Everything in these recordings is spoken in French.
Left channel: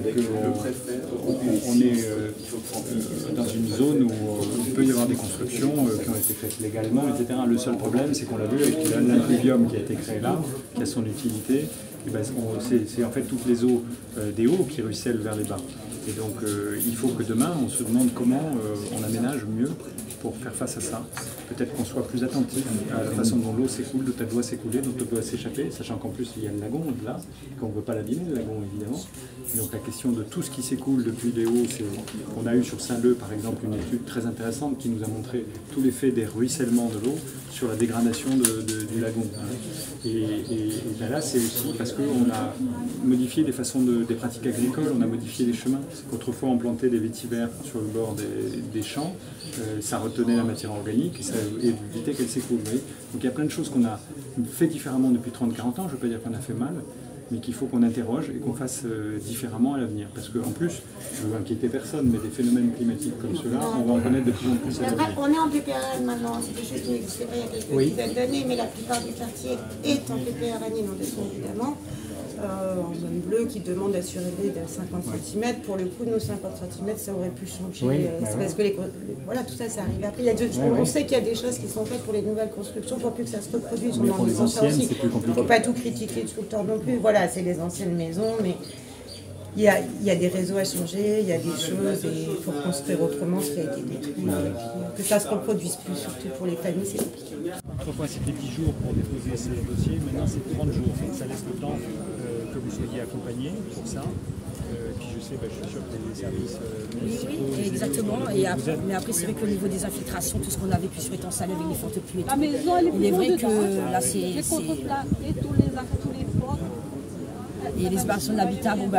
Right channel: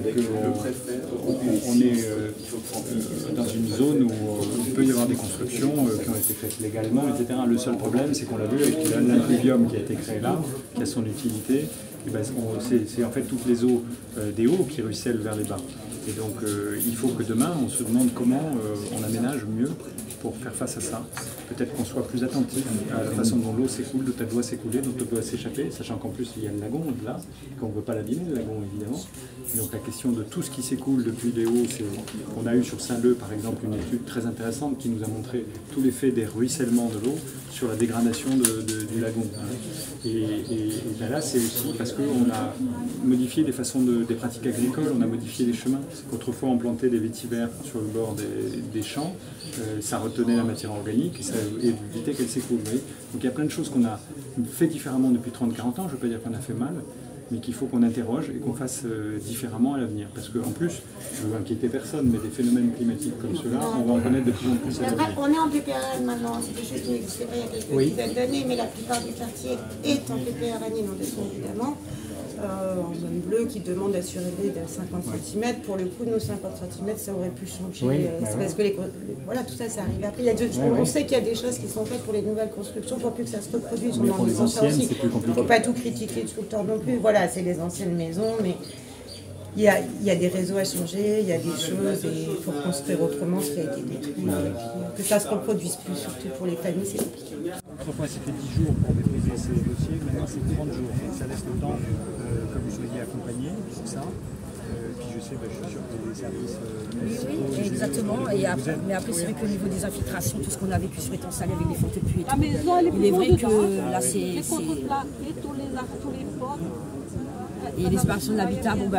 peut-être qu'on est dans une zone où il peut y avoir des constructions qui ont été faites légalement, etc. Le seul problème, c'est qu'on l'a vu avec l'impluvium qui a été créé là, qui a son utilité. Ben, c'est en fait toutes les eaux des hauts qui ruissellent vers les bas. Et donc il faut que demain on se demande comment on aménage mieux pour faire face à ça. Peut-être qu'on soit plus attentif à la façon dont l'eau s'écoule, dont elle doit s'écouler, dont elle doit s'échapper, sachant qu'en plus il y a le lagon au-delà, qu'on ne veut pas l'abîmer, le lagon évidemment. Et donc la question de tout ce qui s'écoule depuis les hauts, on a eu sur Saint-Leu par exemple une étude très intéressante qui nous a montré tout l'effet des ruissellements de l'eau sur la dégradation du lagon. Et ben là c'est aussi parce qu'on a modifié des pratiques agricoles, on a modifié les chemins. Autrefois on plantait des vétivers sur le bord des champs, ça retenait la matière organique et ça évitait qu'elle s'écoule. Donc il y a plein de choses qu'on a fait différemment depuis 30-40 ans, je ne veux pas dire qu'on a fait mal, mais qu'il faut qu'on interroge et qu'on fasse différemment à l'avenir. Parce qu'en plus, je ne veux inquiéter personne, mais des phénomènes climatiques comme ceux-là, on va en connaître de plus en plus à l'avenir. On est en PPRN maintenant, c'est des choses qui n'existaient pas il y a quelques dizaines d'années, mais la plupart du quartier est en PPRN inondation évidemment. En zone bleue qui demande d'assurer de 50 cm. Pour le coup, nos 50 cm, ça aurait pu changer. Oui, parce que voilà, tout ça, ça arrive après. On sait qu'il y a des choses qui sont faites pour les nouvelles constructions pour plus que ça se reproduise. Mais pour les anciennes, c'est plus compliqué. Il ne faut pas tout critiquer tout le temps non plus. Voilà, c'est les anciennes maisons, mais il y a des réseaux à changer, il y a des choses, et il faut construire autrement ce qui a été détruit. Et puis, que ça ne se reproduise plus, surtout pour les familles, c'est compliqué. Autrefois, c'était 10 jours pour déposer ces dossiers, maintenant c'est 30 jours. Ça laisse le temps que vous soyez accompagné pour ça. Puis je sais, je suis sûr que les services municipaux... Oui, exactement. Mais après, c'est vrai qu'au niveau des infiltrations, tout ce qu'on a vécu sur étant salé avec les fontes de pluie et tout, il est vrai que là, c'est... Et les séparations d'habitat, bon,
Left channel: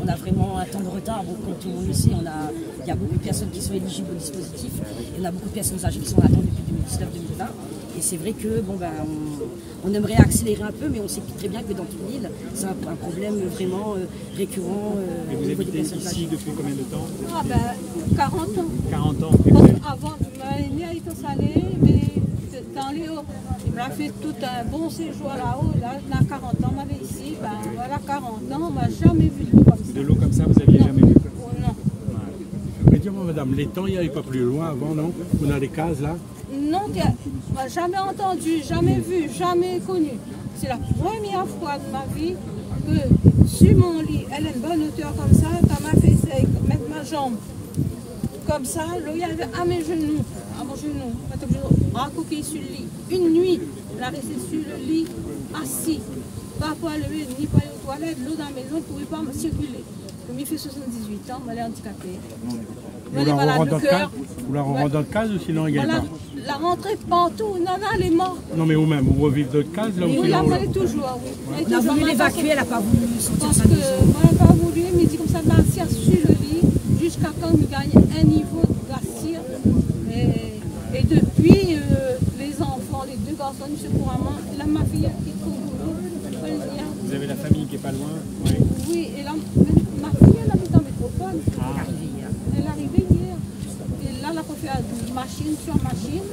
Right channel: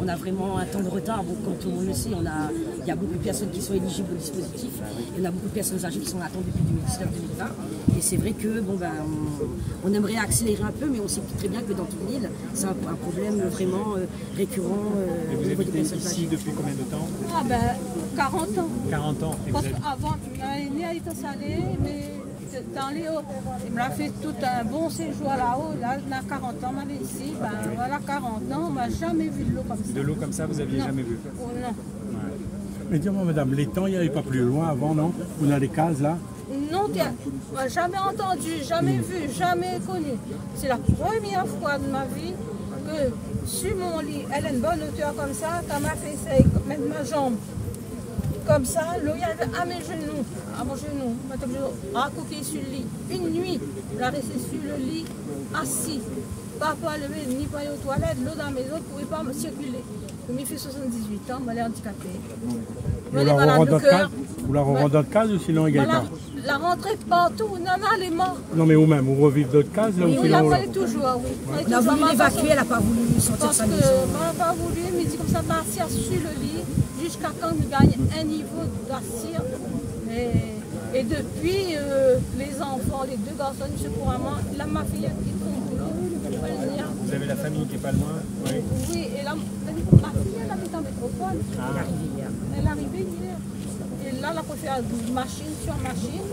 on a vraiment un temps de retard. Bon, comme tout le monde le sait, il y a beaucoup de personnes qui sont éligibles au dispositif. Il y en a beaucoup de personnes âgées qui sont en attente depuis 2019-2020. Et c'est vrai que on aimerait accélérer un peu, mais on sait très bien que dans toute l'île, c'est un problème vraiment récurrent. Et vous habitez ici depuis combien de temps? 40 ans. 40 ans. Avant, ma aînée a été salée, mais dans les hauts. Il m'a fait tout un bon séjour là-haut. Là, je n'ai 40 ans, ma ici. Voilà, 40 ans, on m'a jamais vu de l'eau comme ça. De l'eau comme ça, vous n'aviez jamais vu? Oh, non. Mais dis-moi, madame, l'étang, il n'y avait pas plus loin avant, non? On a des cases là? Non, on m'a jamais entendu, jamais vu, jamais connu. C'est la première fois de ma vie que sur mon lit, elle a une bonne hauteur comme ça, quand m'a fait mettre ma jambe comme ça, l'eau y avait à mes genoux, raccroché sur le lit. Une nuit, elle a resté sur le lit, assis, pas pour lever ni pour aller aux toilettes, l'eau dans la maison ne pouvait pas me circuler. Je me fait 78 ans, elle est handicapée. Elle est malade du cœur. Vous la rentrez dans le case ou sinon également? La rentrée partout, Nana, elle est morte. Non mais vous-même, vous revivez d'autres cases là? Oui, là, elle est toujours, oui. On a voulu l'évacuer, elle n'a pas voulu sortir sa maison. Parce qu'elle n'a pas voulu, mais dit comme ça, m'assire sur le lit, jusqu'à quand il gagne un niveau d'assir. Et depuis, les enfants, les deux garçons, M. Couramment, là, ma fille qui trouve au boulot. Vous avez la famille qui n'est pas loin? Oui, et là, ma fille, elle habite en métropole. Elle est arrivée hier. Elle est arrivée hier. Et là, elle a fait faire machine sur machine,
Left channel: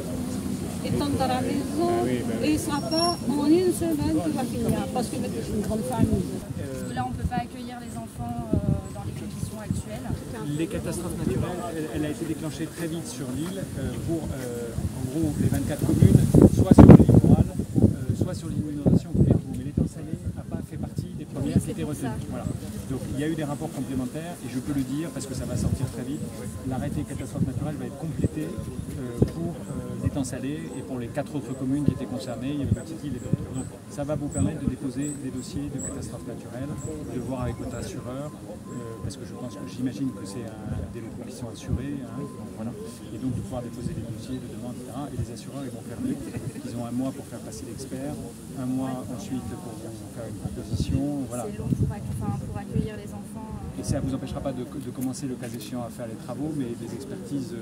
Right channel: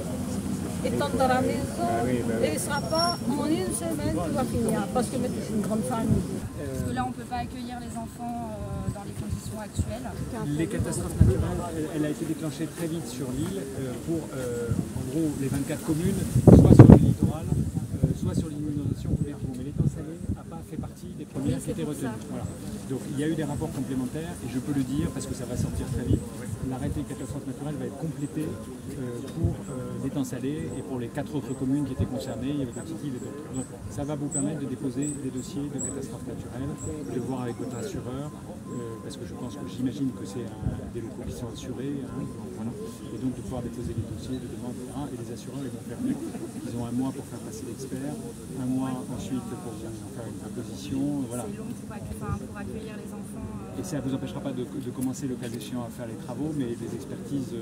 étant dans la maison, et il ne sera pas en une semaine que va finir, parce que c'est une grande famille. Parce que là, on ne peut pas accueillir les enfants dans les conditions actuelles. Les catastrophes naturelles, elle a été déclenchée très vite sur l'île pour, en gros, les 24 communes, soit sur le littoral, soit sur l'inondation ou les trous. Mais l'étang salé n'a pas fait partie des premières qui étaient retenues. Voilà. Donc il y a eu des rapports complémentaires, et je peux le dire parce que ça va sortir très vite, l'arrêté catastrophe naturelle va être complété pour l'étang salé et pour les 4 autres communes qui étaient concernées, il y avait Petite-Île et d'autres. Donc ça va vous permettre de déposer des dossiers de catastrophe naturelle, de voir avec votre assureur, parce que j'imagine que c'est des locaux qui sont assurés, hein, donc voilà. Et donc de pouvoir déposer des dossiers de demande, etc. Et les assureurs, ils vont faire mieux. Ils ont un mois pour faire passer l'expert, un mois ensuite pour faire une proposition, voilà. Pour accueillir les enfants. Et ça ne vous empêchera pas de commencer le cas échéant à faire les travaux, mais les expertises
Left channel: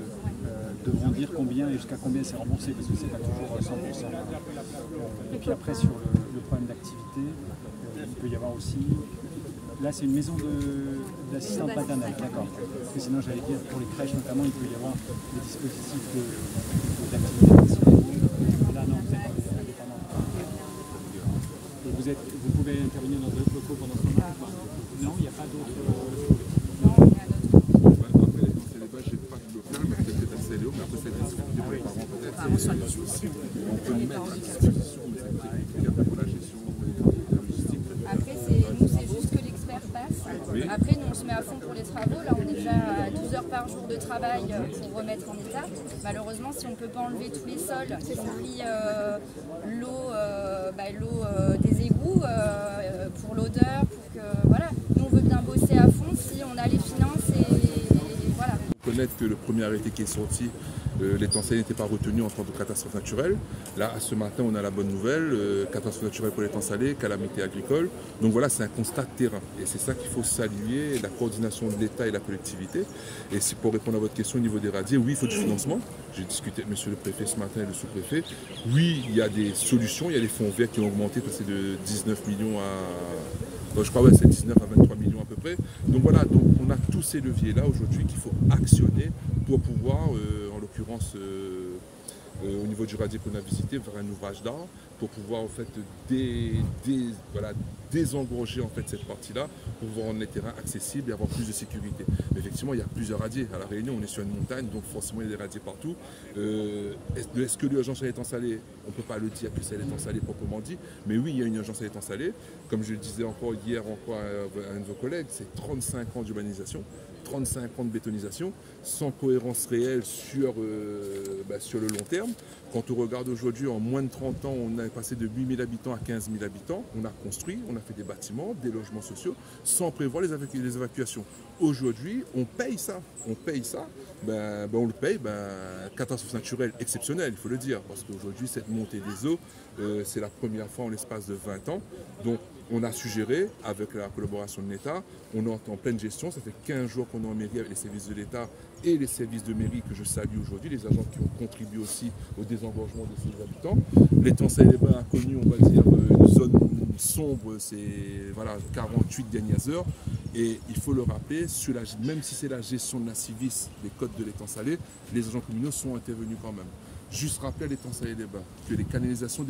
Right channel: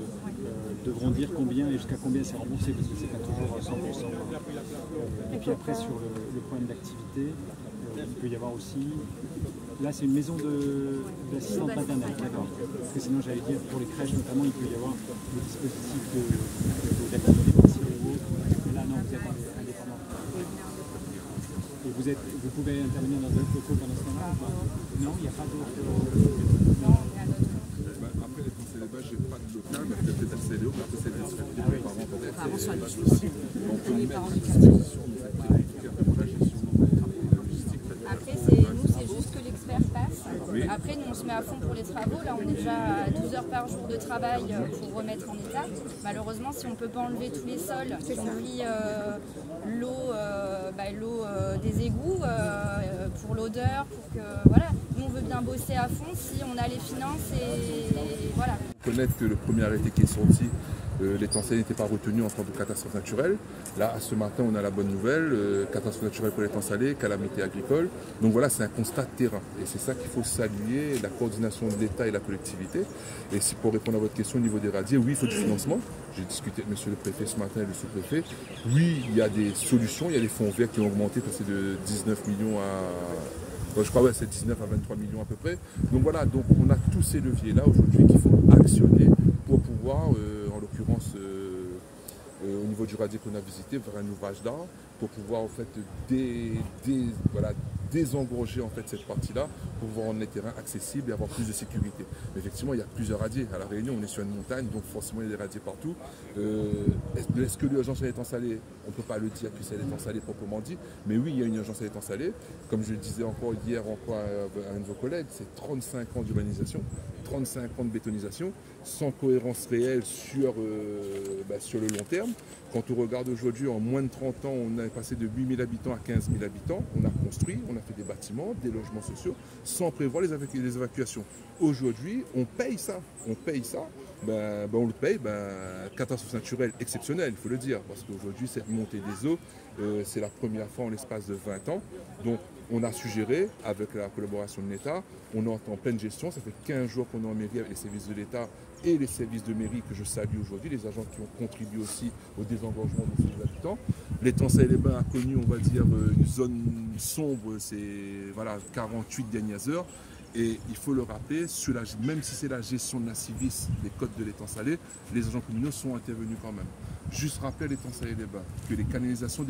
devront dire combien et jusqu'à combien c'est remboursé, parce que c'est pas toujours 100%. Et puis après, sur le problème d'activité, il peut y avoir aussi... Là, c'est une maison d'assistante maternelle, d'accord. Parce que sinon, j'allais dire, pour les crèches notamment, il peut y avoir le dispositif d'activité. Mais là, non, vous êtes indépendant. Et vous pouvez intervenir dans d'autres locaux pendant ce moment? Non, il n'y a pas d'autres... Non, il y a d'autres. Après, dans ces débats, je n'ai pas de local, mais peut-être assez léo, mais après, c'est des difficultés pour les parents, peut-être. On peut les mettre à disposition, mais c'est compliqué après pour la gestion et la logistique. Après, nous, c'est juste que l'expert passe. Oui. Après, nous, on se met à fond pour les travaux. Là, on est déjà à 12 heures par jour de travail pour remettre en état. Malheureusement, si on ne peut pas enlever tous les sols, si on oublie l'eau des égouts, pour l'odeur, pour que... Voilà. Nous, on veut bien bosser à fond si on a les finances et voilà. Connaître que le premier arrêté qui est sorti, l'étang salé n'était pas retenu en tant que catastrophe naturelle. Là, ce matin, on a la bonne nouvelle, catastrophe naturelle pour l'étang salé, calamité agricole. Donc voilà, c'est un constat de terrain. Et c'est ça qu'il faut saluer, la coordination de l'État et la collectivité. Et si pour répondre à votre question au niveau des radiers, oui, il faut du financement. J'ai discuté avec monsieur le préfet ce matin et le sous-préfet. Oui, il y a des solutions, il y a des fonds verts qui ont augmenté, passé de 19 millions à... je crois que c'est 19 à 23 millions à peu près. Donc voilà, donc on a tous ces leviers-là aujourd'hui qu'il faut actionner pour pouvoir, en l'occurrence au niveau du radier qu'on a visité, vers un ouvrage d'art, pour pouvoir en fait désengorger en fait cette partie-là, pour pouvoir rendre les terrains accessibles et avoir plus de sécurité. Mais effectivement, il y a plusieurs radiers. À La Réunion, on est sur une montagne, donc forcément il y a des radiers partout. Est-ce que l'urgence à l'étang salé, on ne peut pas le dire que c'est l'étang salé proprement dit, mais oui, il y a une urgence à l'étang salé. Comme je le disais encore hier à un de vos collègues, c'est 35 ans d'urbanisation, 35 ans de bétonisation, sans cohérence réelle sur le long terme. Quand on regarde aujourd'hui, en moins de 30 ans, on est passé de 8 000 habitants à 15 000 habitants. On a construit, on a fait des bâtiments, des logements sociaux, sans prévoir les évacuations. Aujourd'hui, on paye ça. On paye ça. On le paye. Catastrophe naturelle exceptionnelle, il faut le dire. Parce qu'aujourd'hui, cette montée des eaux, c'est la première fois en l'espace de 20 ans. Donc, on a suggéré, avec la collaboration de l'État, on est en pleine gestion. Ça fait 15 jours qu'on est en mairie avec les services de l'État et les services de mairie que je salue aujourd'hui, les agents qui ont contribué aussi au désengorgement de ces habitants. L'étang Salé-les-Bains a connu, on va dire, une zone sombre, c'est 48 dernières heures. Et il faut le rappeler, même si c'est la gestion de la Civis, des côtes de l'étang Salé, les agents communaux sont intervenus quand même. Juste rappeler à l'étang Salé-les-Bains que les canalisations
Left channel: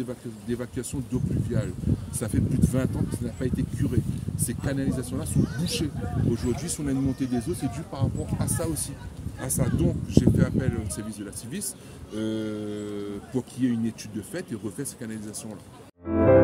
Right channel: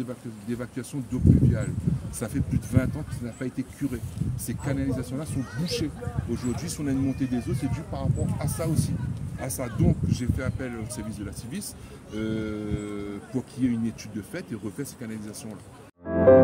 d'évacuation d'eau pluviale, ça fait plus de 20 ans que ça n'a pas été curé. Ces canalisations-là sont bouchées. Aujourd'hui, si on a une montée des eaux, c'est dû par rapport à ça aussi. Donc, j'ai fait appel au service de la Civis pour qu'il y ait une étude de fait et refait ces canalisations-là.